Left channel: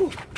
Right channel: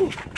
Okay.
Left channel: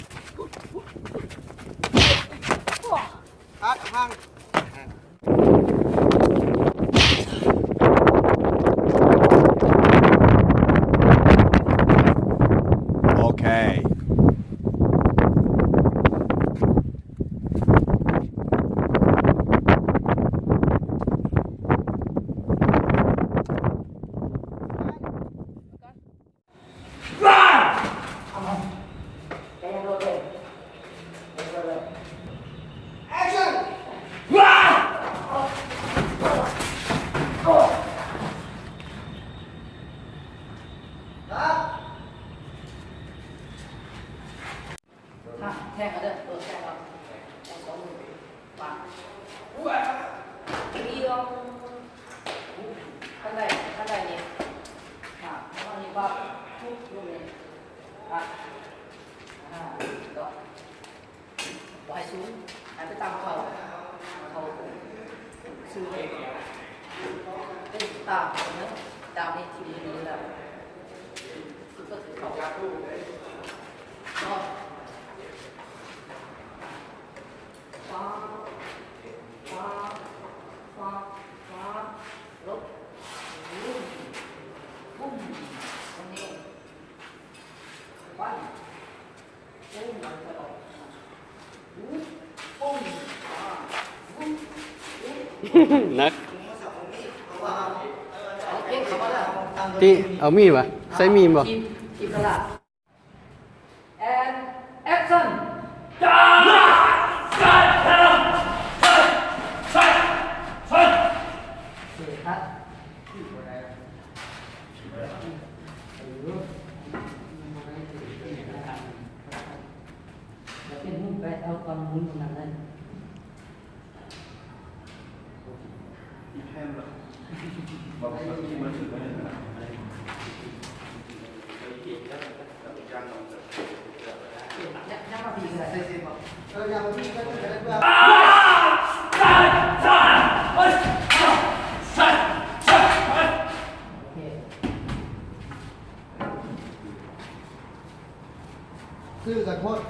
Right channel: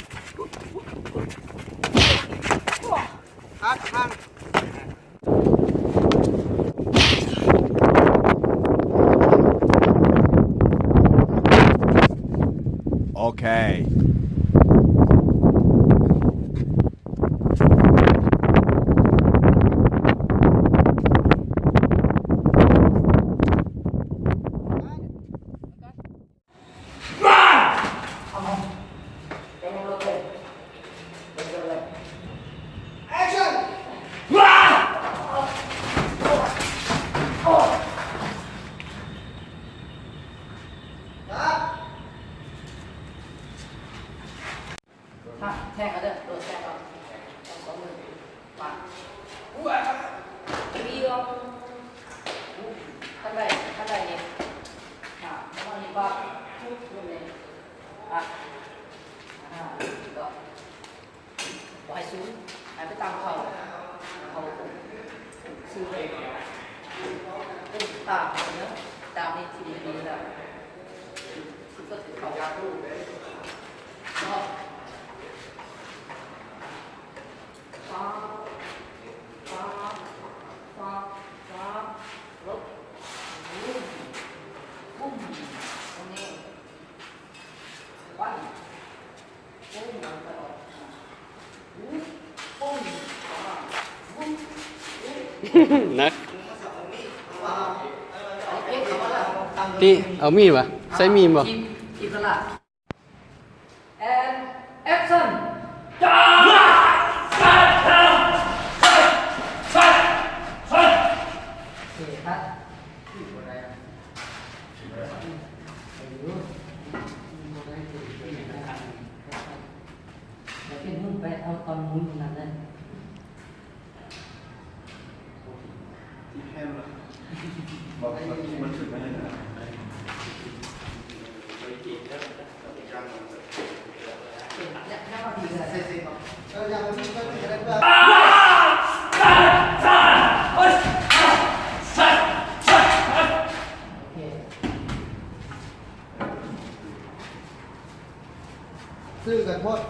แทงกันเด้อโดนแทงเอาแทง2 มือมามีลองขั้นใดนี่แล้วก็นี่ปั๊บปุ๊บลงนี่ก็ปล่อยสูงหายไปตามเขาซื้อไปตามนะตามนี่ทีดีแล้วคือก็เขาวาดรูปก็ลบปุ้มตรงนี้ปั้นปุ้มลงไปออกปุ้มปุ้มนักที่เอามีดวะใช้มีดบ่ ทีมตลาด and action เป็นหุ้นไปเอาตอนมุ้นตรงนั้นเลยมันถึงได้ไหมยังมาดีเลยยังมาดีก็จะได้ว่าซื้อกันพอด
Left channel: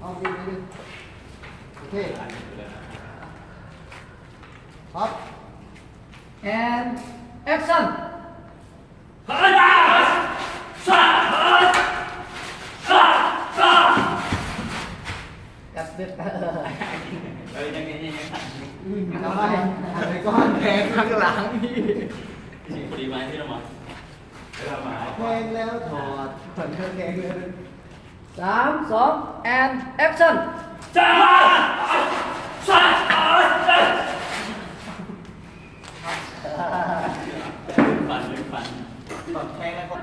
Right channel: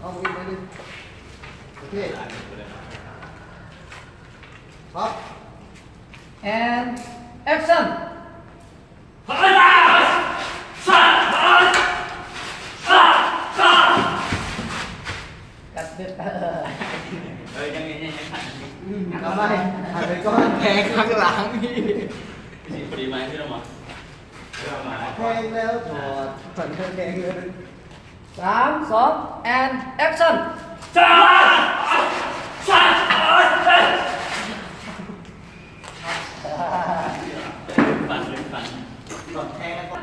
เอากินไปดิโอเคครับ and action กับเบ็ดยังทำไมไปก้อนแทงข้างหลังนี่พอดีไหมพี่น้องมาแทงแล้วถอดผ่อนแทงเลย3, 2 and action ปั่นต่อแทงแล้วก็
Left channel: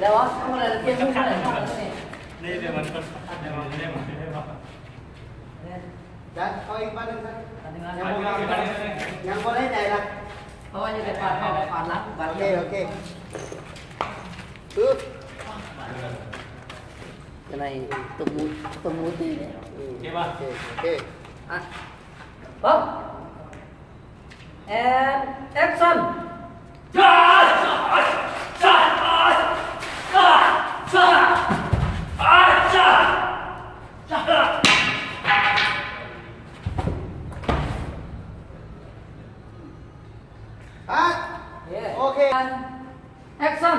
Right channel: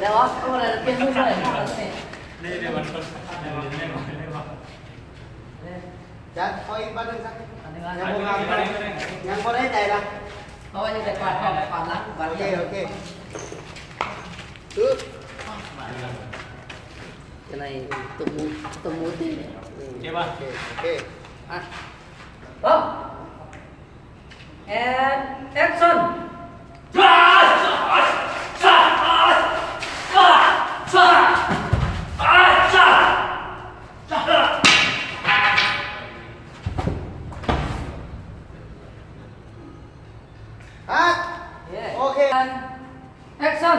แล้ววะตัวอะไรเป็นมุ้งอะไรนี่เดี๋ยวมันจัดเอาอีกบ้านนึงสักยังพอได้ใจนะเพราะว่านี่เป็นความรักโอเคอะไรตัวมูตีเนี่ยใช่ป่ะโอเคอ่ะปุ๊บ and action โอเค action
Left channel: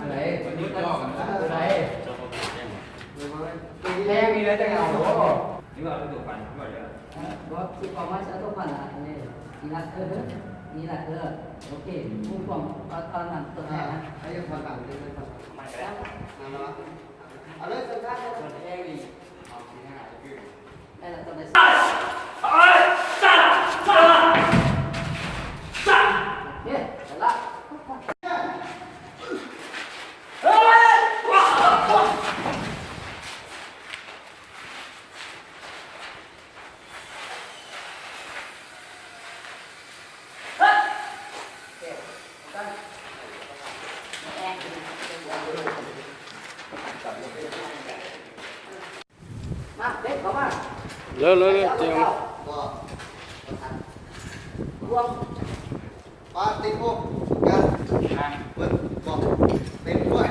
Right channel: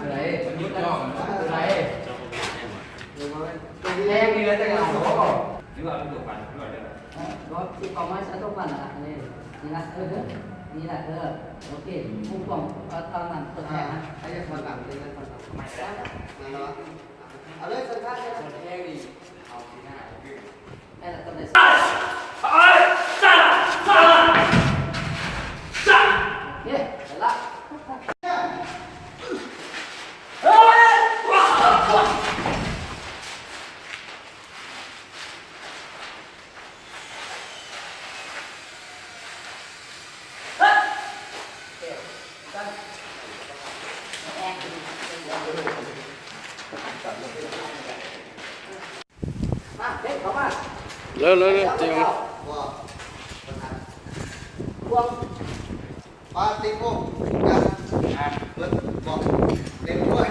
อะไรยุดย่อกันอะไรแรงนี่เลยจังหวะนี่ว่าตัวฟันนี่ว่าเดี๋ยวก็ที่ความหมายตัวฟันอ่ะนี่นะนี่แหละโอเคผู้ฟังตอนนั้นตัวแทนนะไอ้ยังฟังต่างเลยฟังต่างทำไมแล้วเอาเลยสุดท้ายเลยแรงดีเอาที่หน้านั่นแหละตอนนี้โอเคเสร็จละ Lơ chèo. พวง ปาติโกกันเปิดบอกเต็มด้วย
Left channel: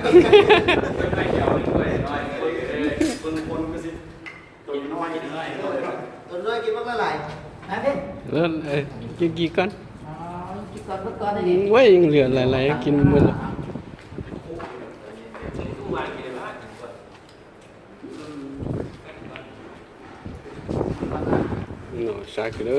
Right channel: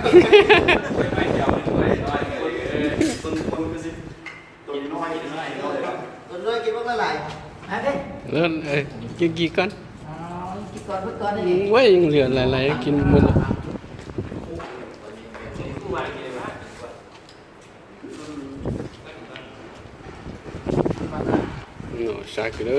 คนก็สิตัวน้อยตัวน้อยกินว่าเมื่อไหร่ ฮะเด้ Lơกี่con. อ๋อกินก่อนเพิ่นก่อนนี่ Quá lửa lại kinh mưa. Nó sạc đó.